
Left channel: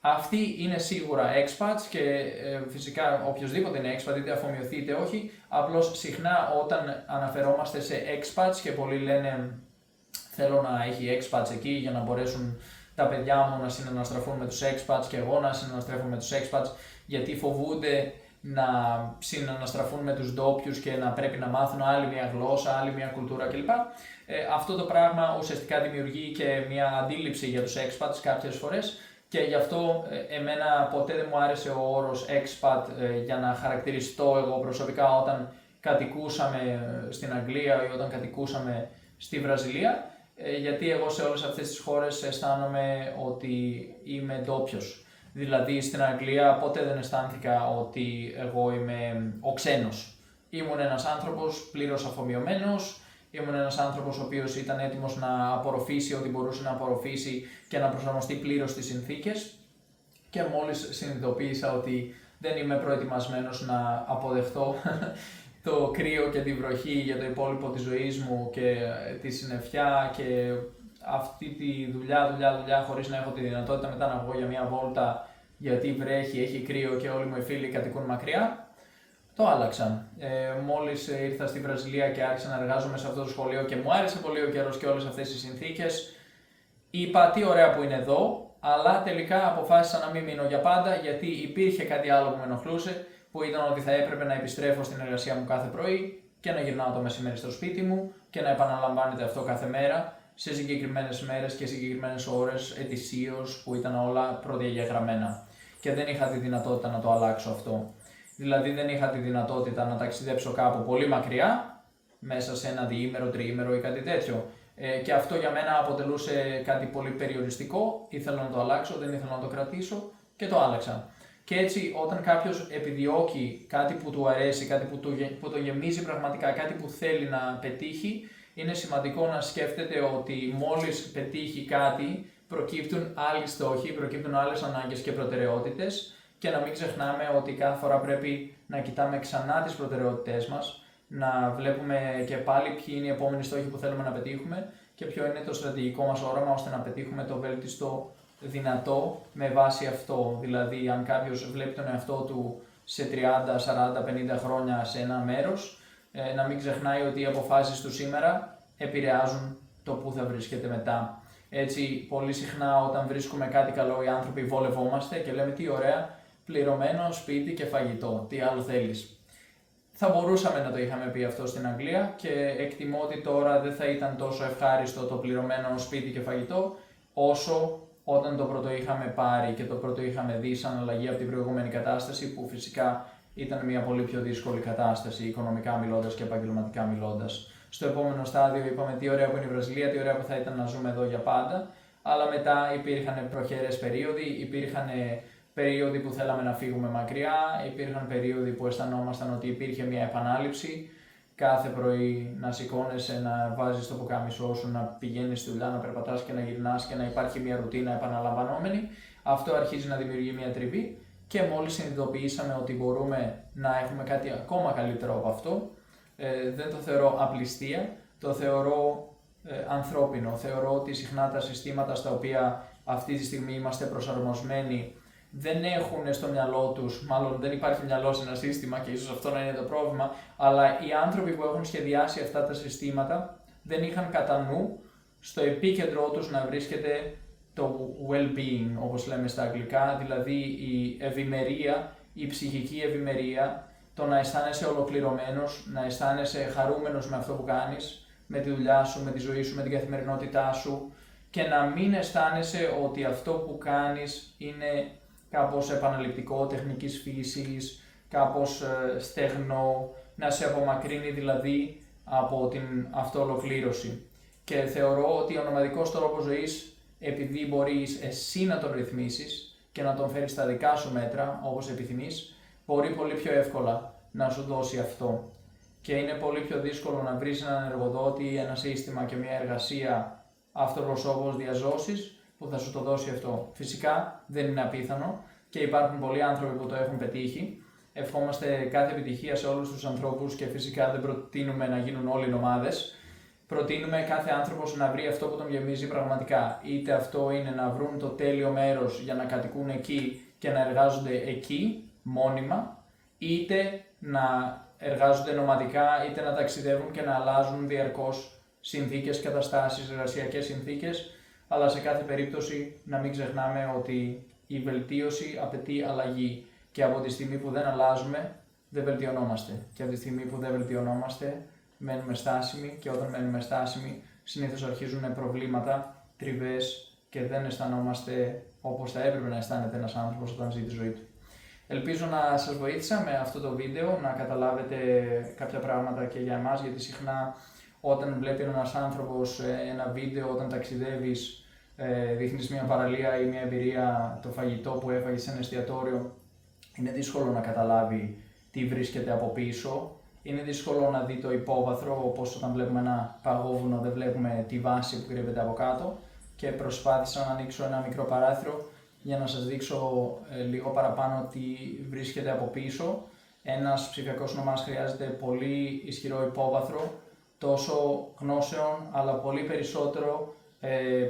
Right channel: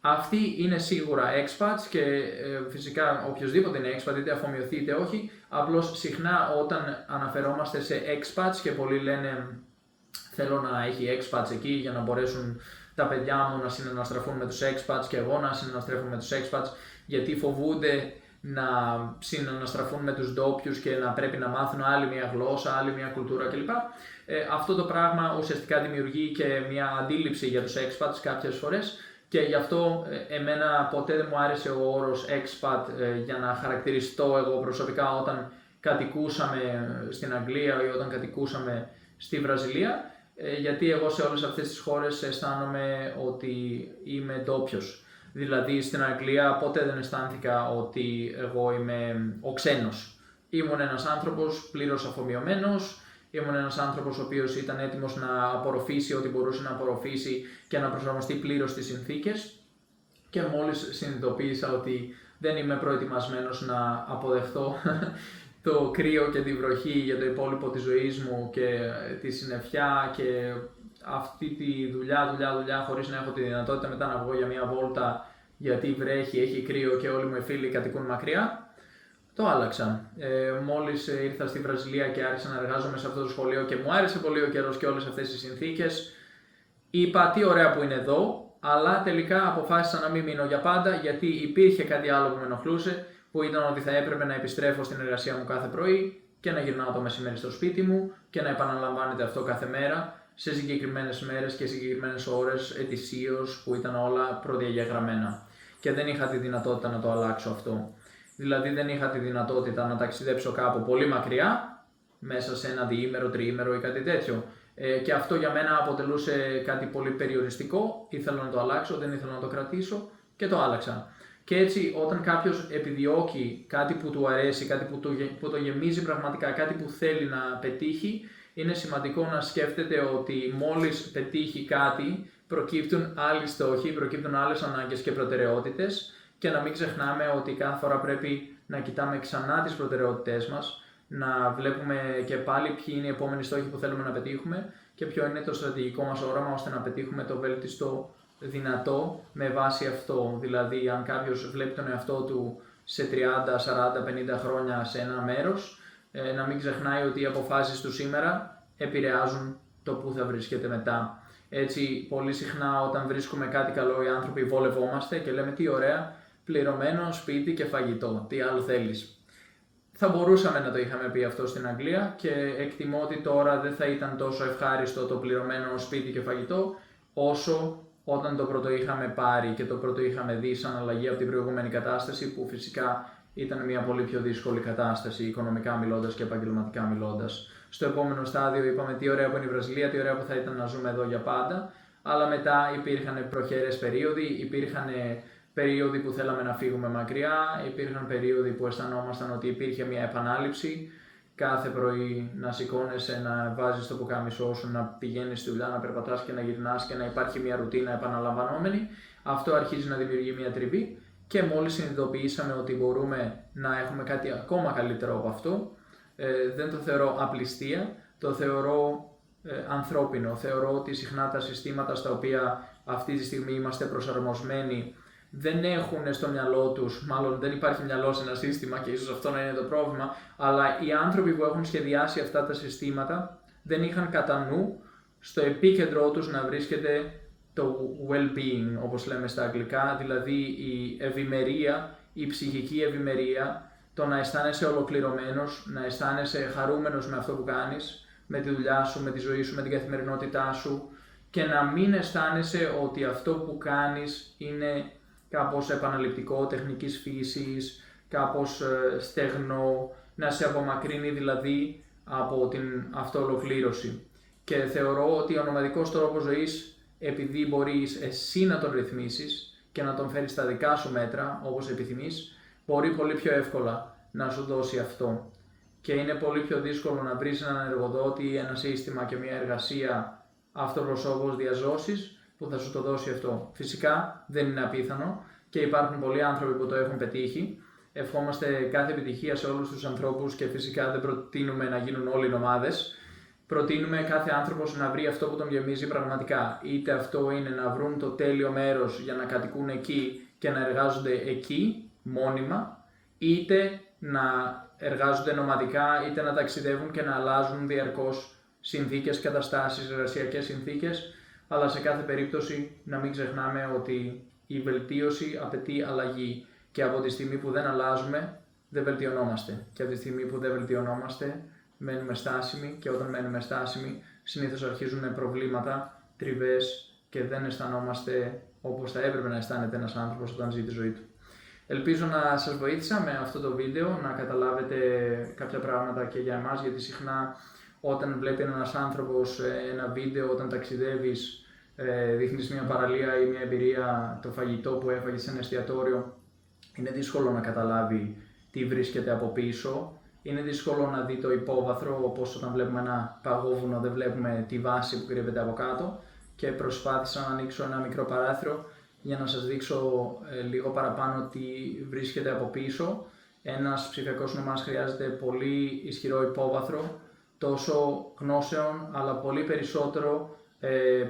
Αυτοί είναι σίγουρα expats και φυσικά οποιοδήποτε είναι expat, είτε αφομοιωθεί είτε όχι, απλώς συχνά όταν αναφερόμαστε σε expats και πολλοί λένε θέλω να έχει expats εκεί για να μπορέσουν τα παιδιά μου να συναναστραφούν με τους expats και εγώ να συναναστρέφω με τους expats, γιατί φοβούνται να συναναστραφούν με τους ντόπιους και να πρέπει να μάθουν άλλη μια γλώσσα, άλλη μια κουλτούρα κλπ. Αυτό το πράγμα ουσιαστικά δημιουργεί και μια αντίληψη για τους expats κάποιες φορές και γι' αυτό εμένα ποτέ δεν μου άρεσε ο όρος expat για να χαρακτηριστώ εγώ προσωπικά όταν κατοικούσαμε στην Αγγλία ή όταν κατοικούσαμε στη Βραζιλία, γιατί εγώ σε όλες αυτές τις χώρες αισθάνομαι ότι είμαι ντόπιος. Δηλαδή στην Αγγλία ποτέ δεν αισθάνθηκα ότι εγώ είμαι ο ξένος. Ήμουν ένας άνθρωπος πλήρως αφομοιωμένος, ήμουν ένας άνθρωπος ο οποίος ήταν έτοιμος να απορροφήσει ό,τι μπορούσε να απορροφήσει και να προσαρμοστεί πλήρως στις συνθήκες και μόλις συνειδητοποίησα ότι δεν είμαι προετοιμασμένος να αποδεχτώ το κρύο και τη βροχή για το υπόλοιπο της ζωής μου και τη συννεφιά και αυτή τη δουλειά χωρίς να έχω τη δυνατότητα μετά να βγω για μια βόλτα γιατί βρέχει, έχει κρύο και όλοι μου οι φίλοι κατοικούν μακριά, το άλλαξα. Μόλις ήρθα στη Βραζιλία και άρχισα να εργάζομαι σε αυτό το σχολείο και μου άρεσε πολύ ο καιρός και όλες αυτές οι συνθήκες, είπα τι ωραία που είναι εδώ, αλλά τελικά αποφάσισα να μην μείνω για πάντα γιατί υπήρχε κάτι άλλο που με ενοχλούσε, που ήταν ότι θα έπρεπε να επιστρέφω στην εργασία μου κάθε πρωί και να γυρνάω το μεσημέρι στο σπίτι μου και να επαναλαμβάνεται αυτό κάθε μέρα, σε συγκεκριμένες μέρες και συγκεκριμένες ώρες ετησίως που ήταν όλα προδιαγεγραμμένα. Και δεν είχα τη δυνατότητα να το αλλάξω αυτό. Δηλαδή δεν είχα τη δυνατότητα να ταξιδέψω κάπου πολύ μακριά, μέσα σε ένα διήμερο, τριήμερο ή κάτι τέτοιο. Και αυτό για μένα αποτελούσε κάτι πολύ περιοριστικό, ήθελα να το αλλάξω, δεν ήθελα να το κρατήσω και το άλλαξα. Και έτσι όταν κάποιος επιδιώκει κάτι που του αρέσει, κάτι που το γεμίζει πραγματικά, κάτι που θέλει να πετύχει, είναι σημαντικό να σκέφτεται ότι μόλις πετύχει κάτι, προκύπτουν άλλοι στόχοι, προκύπτουν άλλες ανάγκες και προτεραιότητες και να μην ξεχνάμε ότι κάθε φορά πρέπει να κοιτάμε ξανά τις προτεραιότητές μας, να βλέπουμε και πάλι ποιοι είναι οι επόμενοι στόχοι που θέλουμε να πετύχουμε και ποιο είναι το στρατηγικό μας όραμα ώστε να πετύχουμε το βέλτιστο δυνατό με βάση αυτό. Δηλαδή, αν κάποιος βλέπει τον εαυτό του σε 30, 40, 50 χρόνια σε ένα μέρος, να μην ξεχνάει ότι οι αποφάσεις του σήμερα επηρεάζουν το που θα βρίσκεται μετά. Έτσι, πολύ συχνά όταν βρίσκουμε κάτι καλό οι άνθρωποι βολευόμαστε και λέμε τι ωραία, πληρωμένο σπίτι και φαγητό, τι άλλο θέλεις. Θα μπορούσαμε να το είχαμε πει αυτό στην Αγγλία και εκτιμώ ότι τώρα δεν θα ήταν τόσο ευχάριστο το πληρωμένο σπίτι και φαγητό όσο όταν το πρώτο είχαμε πάρει και το πρώτο είχαμε δει σαν αλλαγή από την προηγούμενη κατάσταση που φυσικά ήταν μια πολύ πιο δύσκολη κατάσταση οικονομικά μιλώντας και επαγγελματικά μιλώντας. Στο επόμενο στάδιο είπαμε τι ωραία που είναι η Βραζιλία, τι ωραία που θα ήταν να ζούμε εδώ για πάντα, αλλά μετά υπήρχαν προχερές περίοδοι, υπήρχαν περίοδοι που θέλαμε να φύγουμε μακριά, υπήρχαν περίοδοι που αισθανόμασταν ότι υπήρχε μια επανάληψη, κάθε πρωί να σηκώνεσαι, να βάζεις το πουκάμισό σου, να πηγαίνεις στη δουλειά, να περπατάς και να γυρνάς και να υπάρχει μια ρουτίνα επαναλαμβανόμενη. Αυτό αρχίζει να δημιουργεί μια τριβή και μόλις συνειδητοποιήσαμε ότι μπορούμε να έχουμε κάτι ακόμα καλύτερο από αυτό, δεν το θεωρώ απληστία, το θεωρώ ανθρώπινο. Θεωρώ ότι συχνά τα συστήματα στα οποία αυτή τη στιγμή είμαστε προσαρμοσμένοι δεν έχουν στο μυαλό τους, μάλλον δεν υπάρχει μυαλό σε ένα σύστημα και ίσως αυτό να είναι το πρόβλημα, αλλά οι άνθρωποι που έχουν σχεδιάσει αυτά τα συστήματα δεν είχαν κατά νου στο επίκεντρό τους να βρίσκεται το well-being, όπως λέμε στα αγγλικά, δηλαδή η ευημερία, η ψυχική ευημερία το να αισθάνεσαι ολοκληρωμένος, να αισθάνεσαι χαρούμενος με αυτό που κάνεις, με τη δουλειά σου, με τη ζωή σου, με την καθημερινότητά σου και να μην αισθάνεσαι ότι αυτό που κάνεις είναι κάπως επαναληπτικό, τεχνικής φύσης, κάπως στεγνό, να σε απομακρύνει δηλαδή από την αυτοολοκλήρωση. Και θεωρώ ότι ο νομαδικός τρόπος ζωής, επειδή μπορείς εσύ να τον ρυθμίσεις και να τον φέρεις στα δικά σου μέτρα, όπως επιθυμείς, μπορεί πολύ πιο εύκολα να σου δώσει αυτό. Και είναι πολύ πιο δύσκολο να βρεις έναν εργοδότη, ένα σύστημα και μια εργασία αυτοπροσώπως διαζώσης που θα σου το δώσει αυτό. Φυσικά δεν είναι απίθανο και υπάρχουν πολλοί άνθρωποι που το έχουν πετύχει. Ευχόμαστε κάθε επιτυχία σε όλους τους ανθρώπους και φυσικά δεν προτείνουμε να γίνουν όλοι νομάδες. Προτείνουμε κάθε άνθρωπος να βρει αυτό που τον γεμίζει πραγματικά. Είτε αυτό είναι να βρουν το τέλειο μέρος για να κατοικούν εκεί και να εργάζονται εκεί μόνιμα, είτε να εργάζονται νομαδικά, είτε να ταξιδεύουν και να αλλάζουν διαρκώς συνθήκες, καταστάσεις, εργασιακές συνθήκες, αλλά σε κάθε περίπτωση να μην ξεχνάμε ότι η βελτίωση απαιτεί αλλαγή και από τη στιγμή που δεν αλλάζουμε δεν βελτιωνόμαστε και από τη στιγμή που δεν βελτιωνόμαστε μένουμε στάσιμοι και όταν μένουμε στάσιμοι συνήθως αρχίζουν προβλήματα, τριβές και δεν αισθανόμαστε όπως θα έπρεπε να αισθάνεται ένας άνθρωπος όταν ζει τη ζωή του. Ελπίζω να σας βοήθησα με αυτό το βίντεο να καταλάβετε κάποια πράγματα και για εμάς, γιατί συχνά όταν βλέπει ένας άνθρωπος ένα βίντεο, όταν ταξιδεύεις, δείχνεις μια παραλία ή μια εμπειρία, το φαγητό που έφαγες σε ένα εστιατόριο, είναι δύσκολο να καταλάβει τι βρίσκεται από πίσω. Είναι δύσκολο να δει το υπόβαθρο, όπως όταν βλέπουμε ένα παγόβουνο δεν βλέπουμε τη βάση που κρύβεται από κάτω, και προσπάθησα να ανοίξω ένα μικρό παράθυρο για να σας δείξω λίγο παραπάνω τι βρίσκεται από πίσω. Ένας ψηφιακός νομάς χρειάζεται πολύ ισχυρό υπόβαθρο, τόσο γνώσεων αλλά πολύ περισσότερο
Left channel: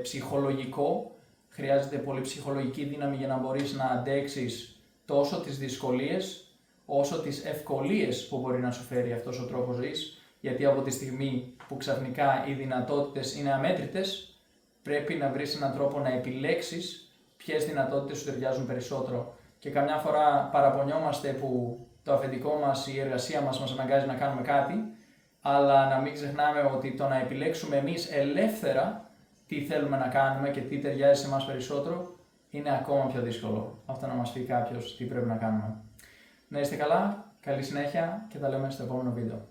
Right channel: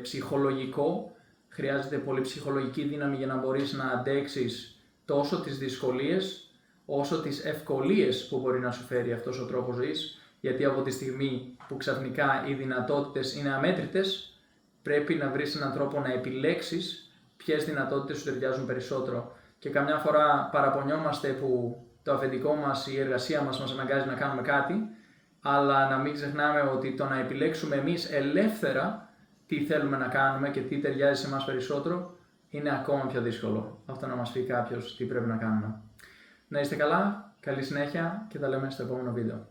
ψυχολογικό. Χρειάζεται πολύ ψυχολογική δύναμη για να μπορείς να αντέξεις τόσο τις δυσκολίες όσο τις ευκολίες που μπορεί να σου φέρει αυτός ο τρόπος ζωής, γιατί από τη στιγμή που ξαφνικά οι δυνατότητες είναι αμέτρητες, πρέπει να βρεις έναν τρόπο να επιλέξεις ποιες δυνατότητες σου ταιριάζουν περισσότερο. Και καμιά φορά παραπονιόμαστε που το αφεντικό μας, η εργασία μας αναγκάζει να κάνουμε κάτι, αλλά να μην ξεχνάμε ότι το να επιλέξουμε εμείς ελεύθερα τι θέλουμε να κάνουμε και τι ταιριάζει σε εμάς περισσότερο, είναι ακόμα πιο δύσκολο. Αυτό να μας πει κάποιος τι πρέπει να κάνουμε. Να είστε καλά, καλή συνέχεια και τα λέμε στο επόμενο βίντεο.